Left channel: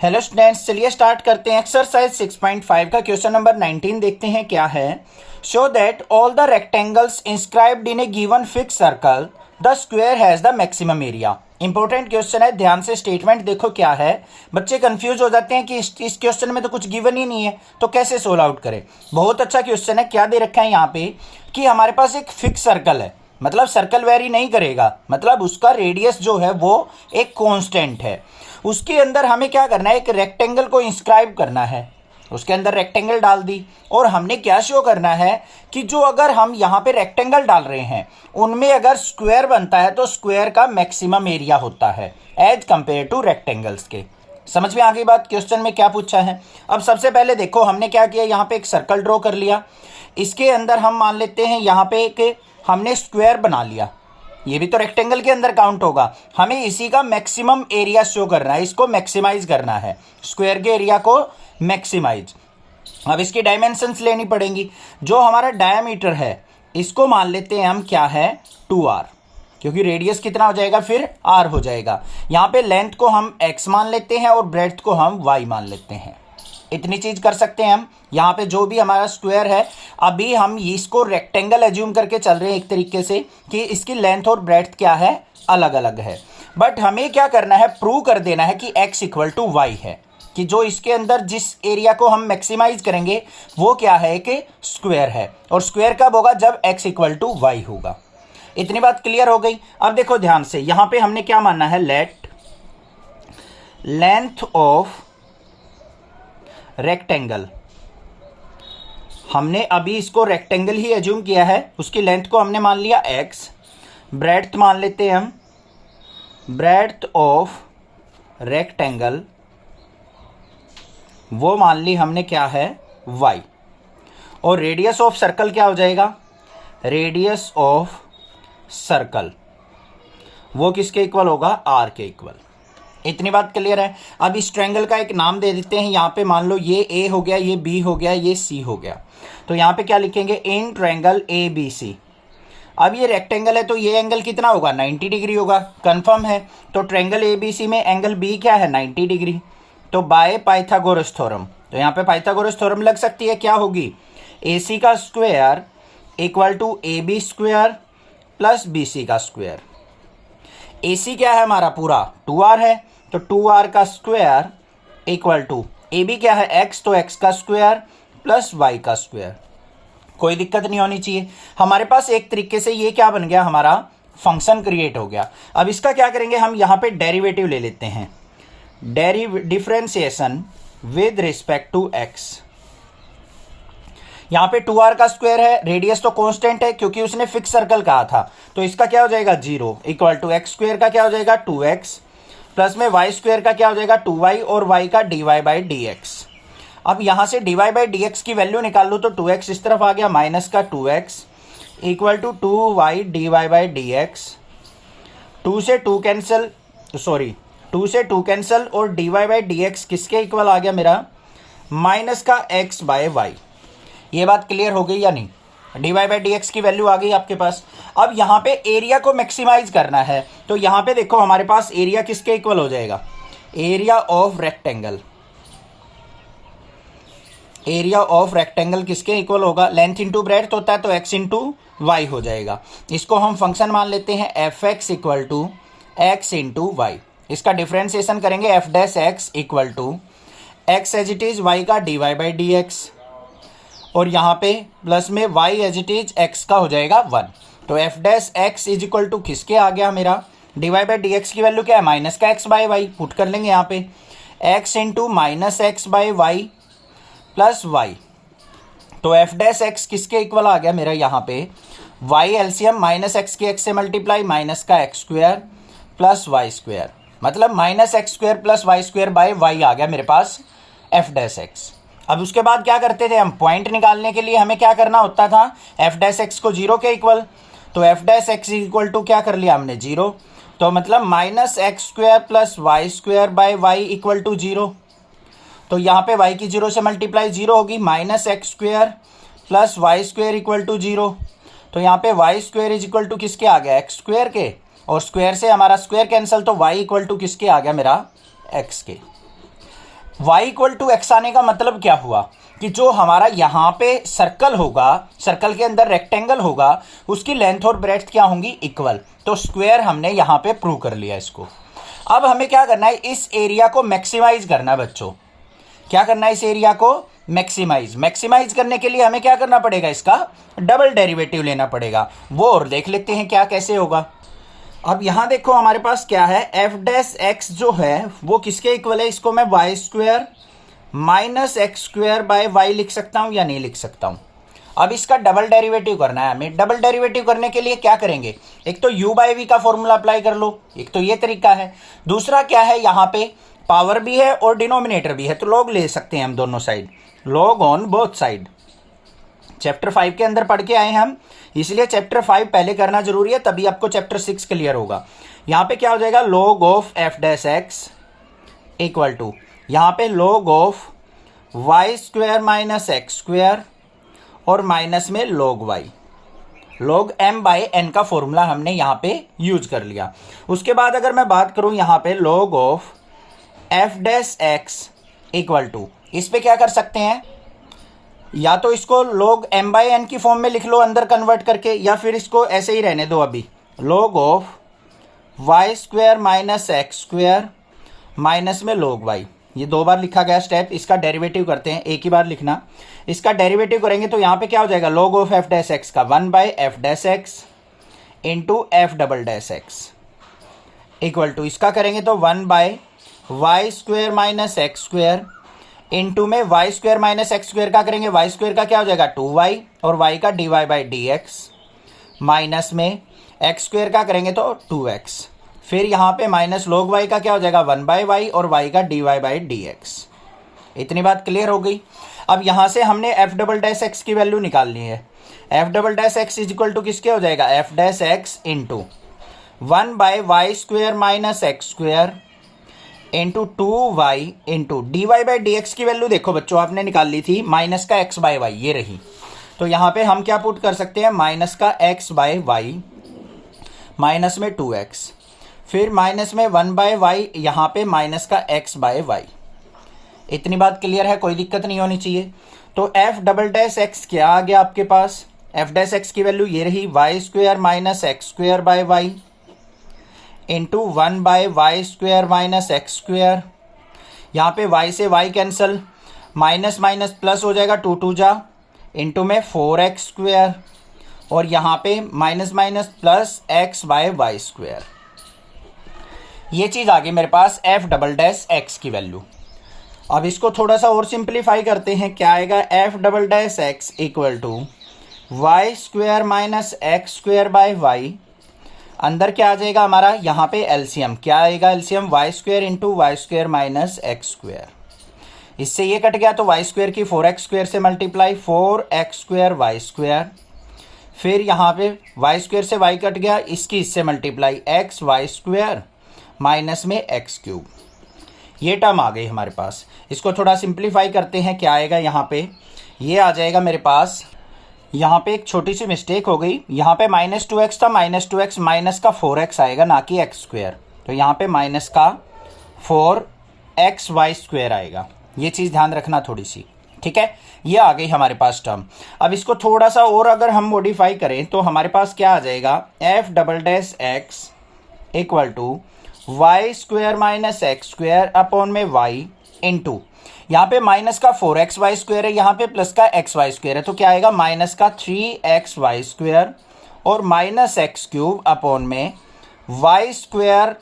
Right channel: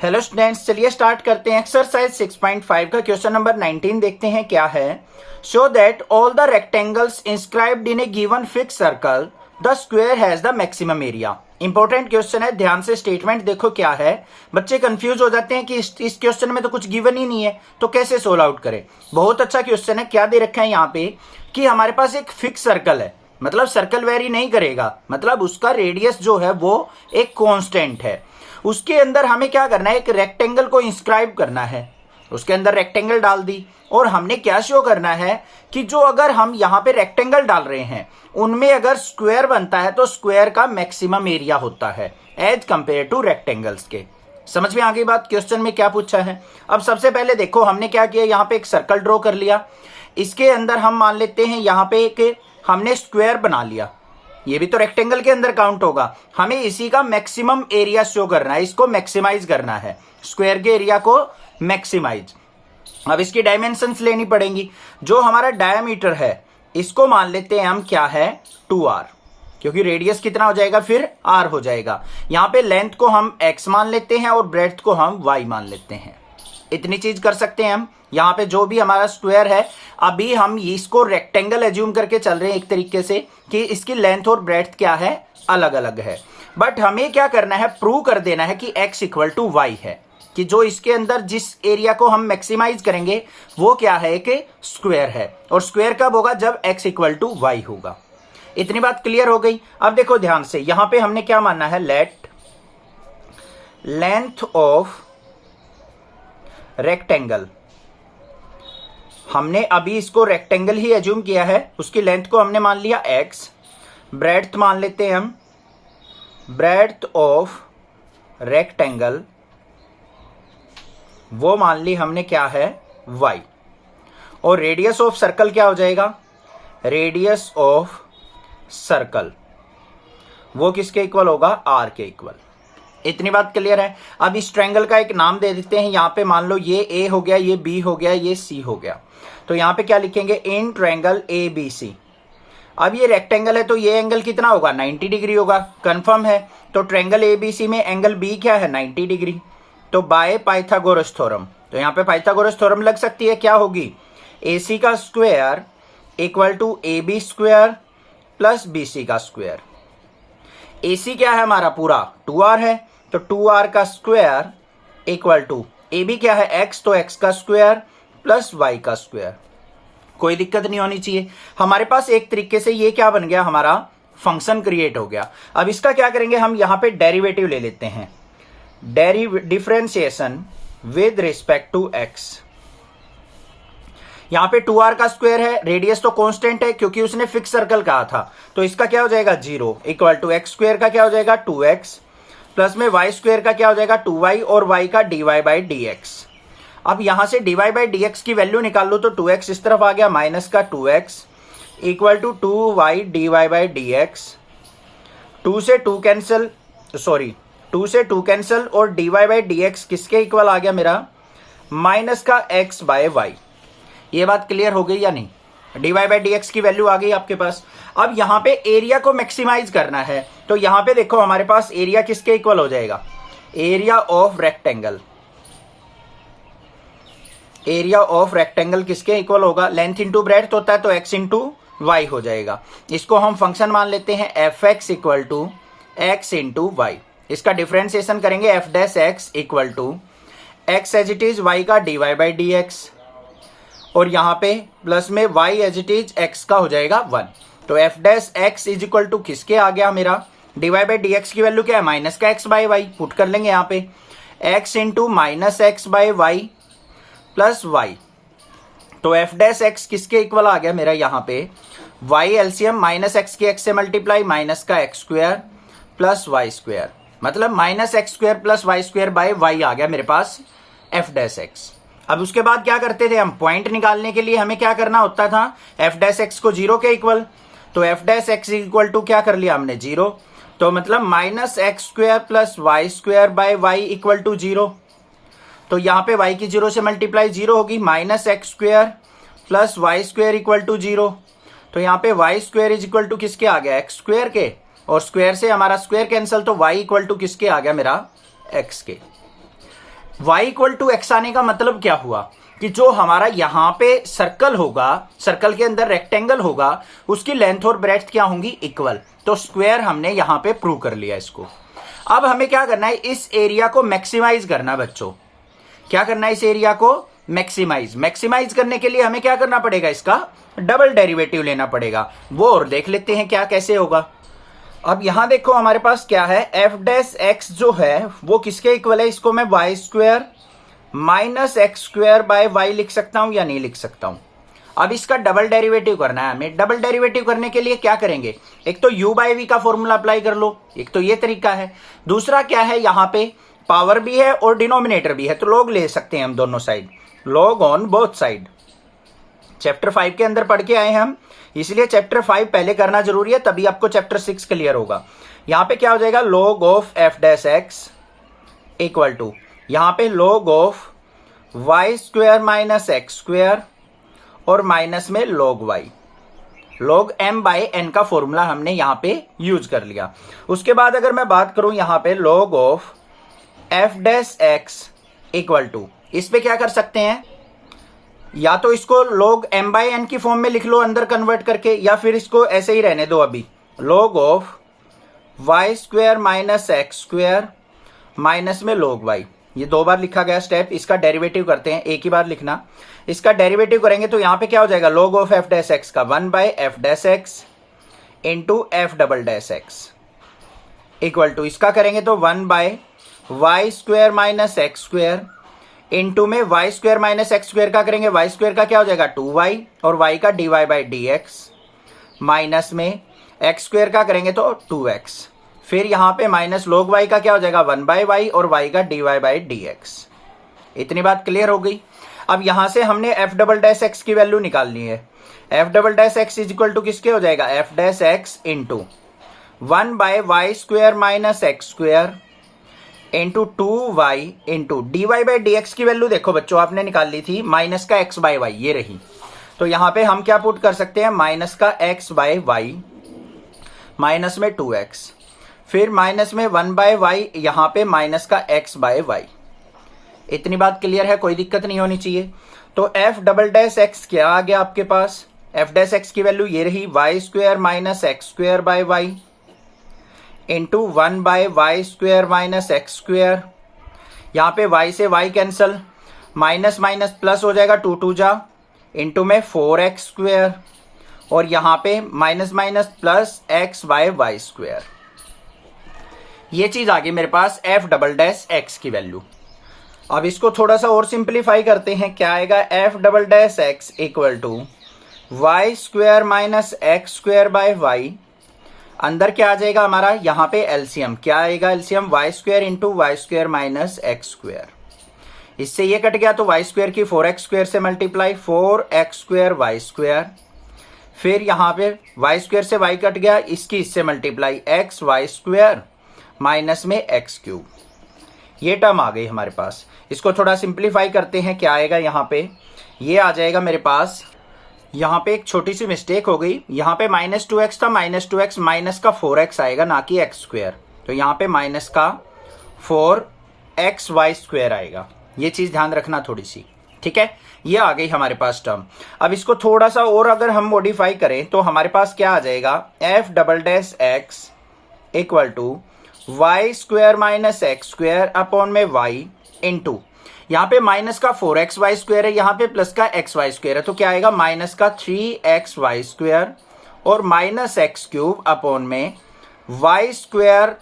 Hello students, चलिए start करते हैं। एक्सरसाइज 6.5 का क्वेश्चन नंबर 19 देखते हैं क्या है। Show that all the rectangles inscribed in A given fix circle the square has the maximum area. Important question है, ध्यान से स्टेटमेंट देखो क्या है। बच्चे कंफ्यूज हो जाते हैं कि इस क्वेश्चन में तो कुछ गिवन ही नहीं है, तो कैसे सोल्व आउट करें। बहुत अच्छा क्वेश्चन है। क्या दे रखा है यहाँ पे कि हमारे पास एक फिक्स सर्कल है, मतलब सर्कल वेरी नहीं करेगा, मतलब उसका रेडियस जो है वो एक कांस्टेंट है। उसके अंदर हमें क्या करना है, एक रेक्टेंगल को इंस्क्राइब करना है। उसके अंदर रेक्टेंगल डाल दी और हमने क्या शो करना है कि जो अगर हम यहाँ पे रेक्टेंगल डाल रहे हैं उनमें अगर स्क्वायर बनता है तो स्क्वायर का मैक्सिमम एरिया होता है एज कंपेयर टू रेक्टेंगल्स के। समझ में आ गई बात। क्वेश्चन में क्या पूछा है। अब सबसे पहले देखो हमने क्या किया, यहाँ पे एक सर्कल ड्रॉ कर लिया। इसके अंदर हम मान लेते हैं यहाँ पे एक हमने स्क्वायर बना लिया। ये भी तो रेक्टेंगल के अंदर काउंट होगा। हमें इसी का मैक्सिमम एरिया शो करना है, इसको मैक्सिमाइज करना है, स्क्वायर के एरिया को मैक्सिमाइज। अब इसकी डायमेंशंस लेनी पड़ेंगी। जो हमारा डायमीटर है इसको मान लेते हैं हम क्या है 2r, क्योंकि रेडियस कितना हो जाएगा फिर r हो जाएगा। यहां पे लेंथ को हम x मान लेते हैं और ब्रेड्थ को हम y मान लेते हैं। इतनी चीज कर सकते हैं हम। यहाँ पे जो भी हमारा स्क्वायर है, अभी हम इसको रेक्टेंगल एज्यूम करके चल रहे हैं एक तरीके से कि इसकी लेंथ और ब्रेड्थ क्या है, अलग अलग है। बट हमें क्या करना है, प्रूव कर देना है कि x इक्वल टू वाई है, कि जो इसके अंदर जिस एरिया को हम मैक्सिमाइज करेंगे वो क्या है कि स्क्वायर है। और स्क्वायर कब होगा, जब x इक्वल टू वाई होगा। इतनी बात क्लियर हो गई। अब देखो ध्यान से, यहां पे हमने क्या मानना है, लेट लेंथ ऑफ रेक्टेंगल। हमने अभी इसको रेक्टेंगल ही एज्यूम किया है, उसकी लेंथ को हमने मान लिया x, ब्रेड्थ मान लेते हैं हम, ब्रेड्थ ऑफ रेक्टेंगल वो मान ली हमने क्या है y। और रेडियस ऑफ सर्कल क्या हो जाएगा, रेडियस ऑफ सर्कल वो किसके इक्वल होगा, r के इक्वल। इतनी बात क्लियर है। अब इस ट्रायंगल का एक नाम दे देते हैं। यहाँ पे मान लो ये A हो गया, ये B हो गया, ये C हो गया। तो यहाँ पे क्या लिखेंगे, इन ट्रायंगल ABC। अब ये रेक्टेंगल है तो ये एंगल कितना होगा, 90 डिग्री होगा, कंफर्म है। तो ट्रायंगल ABC में एंगल B क्या है, 90 डिग्री। तो बाय पाइथागोरस थ्योरम, तो यहाँ पे पाइथागोरस थ्योरम लग सकती है। क्या होगी, AC का square equal to AB square plus BC का स्क्वायर। AC क्या है हमारा पूरा 2r है, तो 2r का स्क्वायर इक्वल टू AB क्या है x, तो x का स्क्वायर प्लस y का स्क्वायर। कोई दिक्कत नहीं होनी चाहिए। हमारे पास एक तरीके से ये क्या बन गया, हमारा फंक्शन क्रिएट हो गया। अब इसका क्या करेंगे, हम यहां पे डेरिवेटिव ले लेते हैं, differentiation with respect to x। यहां पे 2r का स्क्वायर है, रेडियस तो कांस्टेंट है क्योंकि उसने फिक्स सर्कल कहा था, तो इसका क्या हो जाएगा 0 इक्वल टू x स्क्वायर का क्या हो जाएगा 2x प्लस में y स्क्वायर का क्या हो जाएगा 2y और y का dy बाई dx। अब यहां से dy बाई dx की वैल्यू निकाल लो तो 2x इस तरफ आ गया, माइनस का 2x equal to 2y dy by dx। 2 से 2 कैंसिल, सॉरी 2 से 2 कैंसिल और dy बाई dx किसके इक्वल आ गया मेरा, माइनस का x बाय y। ये बात क्लियर हो गई या नहीं, dy बाई dx की वैल्यू आ गई आपके पास। अब यहां पे एरिया को मैक्सिमाइज करना है, तो यहां पे देखो हमारे पास एरिया किसके इक्वल हो जाएगा, area of rectangle. Area of rectangle किसके इक्वल होगा, लेंथ इंटू ब्रेड्थ होता है तो x इंटू वाई हो जाएगा। इसको हम फंक्शन मान लेते हैं fx equal to x into y. इसका डिफरेंशिएशन करेंगे f dash x equal to x as it is y का dy बाई dx और यहाँ पे प्लस में y as it is x का हो जाएगा 1। तो f dash x is equal to किसके आ गया मेरा, dy बाई dx की वैल्यू क्या है, माइनस का x बाई वाई। पुट कर लेंगे यहाँ पे x into minus x by y plus y. तो f डैश x किसके इक्वल आ गया मेरा, यहाँ पे y एलसीएम माइनस एक्स की x से मल्टीप्लाई, माइनस का x square plus y square, मतलब minus x square plus y square by y आ गया मेरे पास f डैश x। अब उसके बाद क्या करते थे हम, पॉइंट निकालने के लिए हमें क्या करना होता था, f डैश x को 0 के इक्वल, तो f dash x equal to क्या कर लिया हमने 0, तो मतलब minus x square plus y square by y equal to 0। तो यहाँ पे y की 0 से मल्टीप्लाई 0 होगी, minus x square plus y square equal to 0। तो यहाँ पे y square is equal to किसके आ गया, एक्स स्क्वायर के, और स्क्वायर से हमारा स्क्वायर कैंसिल, तो y इक्वल टू किसके आ गया मेरा, x के। y इक्वल टू एक्स आने का मतलब क्या हुआ कि जो हमारा यहाँ पे सर्कल होगा, सर्कल के अंदर रेक्टेंगल होगा, उसकी लेंथ और ब्रेड्थ क्या होंगी, इक्वल। तो स्क्वायर हमने यहाँ पे प्रूव कर लिया इसको। अब हमें क्या करना है, इस एरिया को मैक्सिमाइज करना बच्चों। क्या करना है, इस एरिया को मैक्सिमाइज करने के लिए हमें क्या करना पड़ेगा, इसका डबल डेरिवेटिव लेना पड़ेगा। वो और देख लेते हैं क्या कैसे होगा। अब यहां देखो हमारे पास क्या है, एफ डैश एक्स जो है वो किसके इक्वल है, इसको मैं y square minus x square by y लिख सकता हूं या नहीं लिख सकता हूं। अब इसका डबल डेरिवेटिव करना है हमें। डबल डेरिवेटिव करने के लिए क्या करेंगे, एक तो u बाई वी का फॉर्मूला अप्लाई कर लो, एक तो ये तरीका है। दूसरा क्या है, यहां पे पावर भी है और डिनोमिनेटर भी है, तो लॉग ले सकते हैं हम दोनों side, log on both side. Chapter 5 के अंदर पढ़ के आए हम, इसलिए चैप्टर 5 पहले करना जरूरी है, तभी आपको चैप्टर 6 क्लियर होगा। यहां पे क्या हो जाएगा, log of f dash x equal to यहां पे log of y square minus x square और माइनस में log y, log m by n का फॉर्मूला हमने यहां पे यूज कर लिया। उसके बाद अगर मैं बात करूं यहां पे log of f dash x equal to, इस पे क्या कर सकते हैं, या तो इसको log m बाई n की फॉर्म में लिख लो अंदर कन्वर्ट करके, या फिर इसको ऐसे ही रहने दो अभी, log of y square minus x square minus में log y। ये दो बार लिखा गया स्टेप, इसका डेरिवेटिव करते हैं, एक ही बार लिखना। इसका डेरिवेटिव करेंगे तो यहां पे क्या हो जाएगा, log of f dash x का 1 by f dash x into f double dash x equal to, इसका करेंगे तो 1 by y square minus x square into में y square minus x square का करेंगे, वाई स्क्वायर का क्या हो जाएगा 2y और y का dy by d x minus में एक्स स्क्वायर का करेंगे तो 2x, फिर यहां पे माइनस log y का क्या हो जाएगा 1 बाय वाई और y का dy बाई डी एक्स। इतनी बात क्लियर हो गई। अब यहां से हमने एफ डबल डैश एक्स की वैल्यू निकालनी है। F double dash x is equal to किसके हो जाएगा, f dash x into 1 by y square minus x square into 2y into d y by d x की वैल्यू देखो बच्चों आपने निकाल ली थी, माइनस का x बाय वाई ये रही। तो यहां पे हम क्या पुट कर सकते हैं, माइनस का x बाय वाई माइनस में 2x, फिर माइनस में 1 बाय वाई, यहां पे माइनस का x बाय वाई। इतनी बात क्लियर है, कोई दिक्कत नहीं होनी चाहिए। तो एफ डबल डैश एक्स क्या आ गया आपके पास, एफ डैश एक्स की वैल्यू ये रही, y square minus x square by y into 1 by y square minus x square. यहां पे y से y cancel, minus minus plus हो जाएगा, 2 2 जा इंटू में 4x स्क्वायर और यहां पे minus minus plus x by y square. ये चीज आ गई मेरे पास एफ डबल डैश एक्स की वैल्यू। अब इसको थोड़ा सा और सिंप्लीफाई करते हैं, क्या आएगा, f double dash x equal to y square minus x square by y, अंदर क्या आ जाएगा हमारा, यहां पे एलसीएम क्या आएगा, LCM y square into y square minus x square. इससे ये कट गया तो वाई स्क्वायर की 4x स्क्वायर से multiply, 4x square Y square, फिर यहां पे वाई स्क्वायर से वाई कट गया, इसकी इससे multiply x y square minus में एक्स क्यूब। ये टर्म आ गई हमारे पास। इसको थोड़ा सिंप्लीफाई करते हैं, क्या आएगा यहाँ पे, ये आ जाएगा मेरे पास, यहाँ पे एक छोटी सी मिस्टेक हो गई, यहाँ पे माइनस 2x था, माइनस 2x माइनस का 4x आएगा ना कि एक्स स्क्वायर, तो यहाँ पे माइनस का 4x वाई स्क्वायर आएगा। ये चीज ध्यान रखना थोड़ी सी, ठीक है। ये आ गई हमारे पास टर्म। अब इसको थोड़ा सा और अगर हम मॉडिफाई करें तो हमारे पास क्या आ जाएगा, f double dash x equal to y square minus x square upon में वाई इंटू, यहाँ पे माइनस का 4x वाई स्क्वायर है, यहाँ पे प्लस का x वाई स्क्वायर है, तो क्या आएगा, माइनस का 3x वाई स्क्वायर और माइनस एक्स क्यूब अपॉन में y square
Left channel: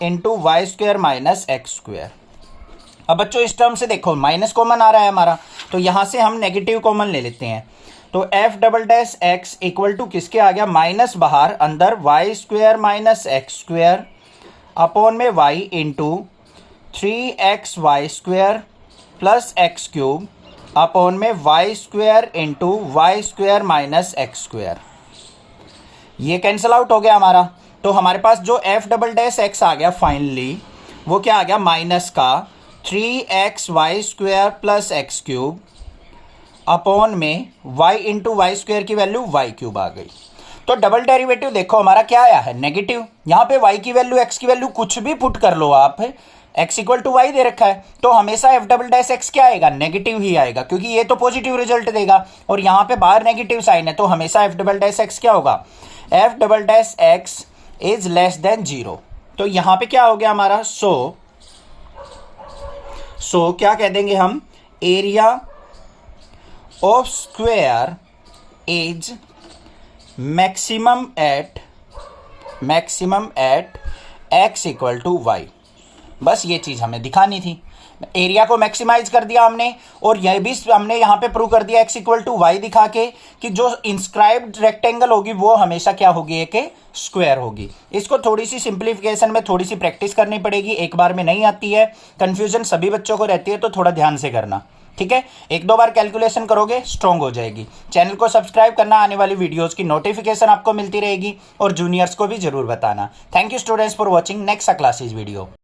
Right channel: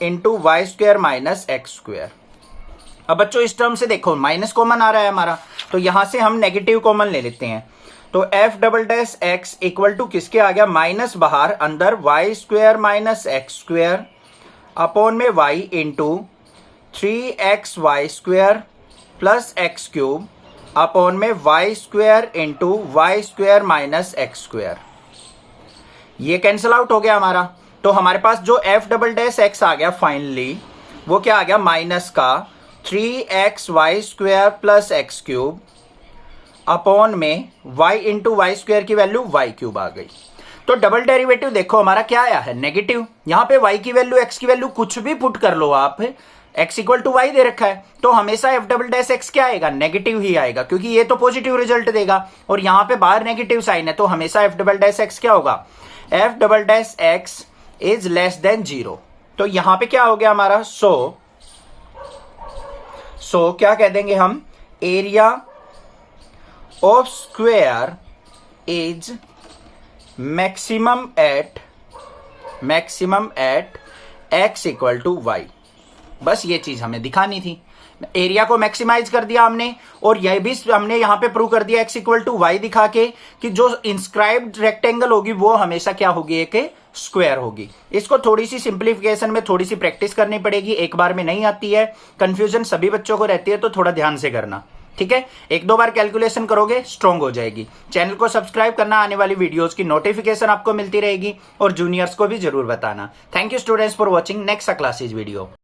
into y square minus x square. अब बच्चों इस टर्म से देखो माइनस कॉमन आ रहा है हमारा, तो यहां से हम नेगेटिव कॉमन ले लेते हैं। तो f double dash x equal to किसके आ गया, माइनस बाहर, अंदर y square minus x square upon में y into 3x y square plus x cube upon में y square into y square minus x square. ये कैंसल आउट हो गया हमारा। तो हमारे पास जो एफ डबल डैश एक्स आ गया फाइनली, वो क्या आ गया, माइनस का 3x y square plus x cube upon में y इंटू वाई स्क्वायर की वैल्यू वाई क्यूब आ गई। तो डबल डेरिवेटिव देखो हमारा क्या आया है, नेगेटिव। यहां पे y की वैल्यू x की वैल्यू कुछ भी पुट कर लो आप, x इक्वल टू वाई दे रखा है, तो हमेशा एफ डबल डैश एक्स क्या आएगा, नेगेटिव ही आएगा, क्योंकि ये तो पॉजिटिव रिजल्ट देगा और यहां पे बाहर नेगेटिव साइन है, तो हमेशा एफ डबल डैश एक्स क्या होगा, F double dash x is less than 0। तो यहां पे क्या हो गया हमारा, सो क्या कह देंगे हम, area of square is maximum at x equal to y. बस ये चीज हमें दिखानी थी, एरिया को मैक्सिमाइज कर दिया हमने, और यह भी हमने यहां पे प्रूव कर दिया x इक्वल टू वाई दिखा के कि जो इंस्क्राइब्ड रेक्टेंगल होगी वो हमेशा क्या होगी, एक स्क्वायर होगी। इसको थोड़ी सी सिंप्लीफिकेशन में थोड़ी सी प्रैक्टिस करनी पड़ेगी, एक बार में नहीं आती है, कंफ्यूजन सभी बच्चों को रहती है, तो थोड़ा ध्यान से करना, ठीक है। एक दो बार कैलकुलेशन करोगे स्ट्रांग हो जाएगी। चैनल को सब्सक्राइब करना, आने वाली वीडियोस की नोटिफिकेशन आपको मिलती रहेगी, और जूनियर्स को भी जरूर बताना। Thank you students for watching next classes video.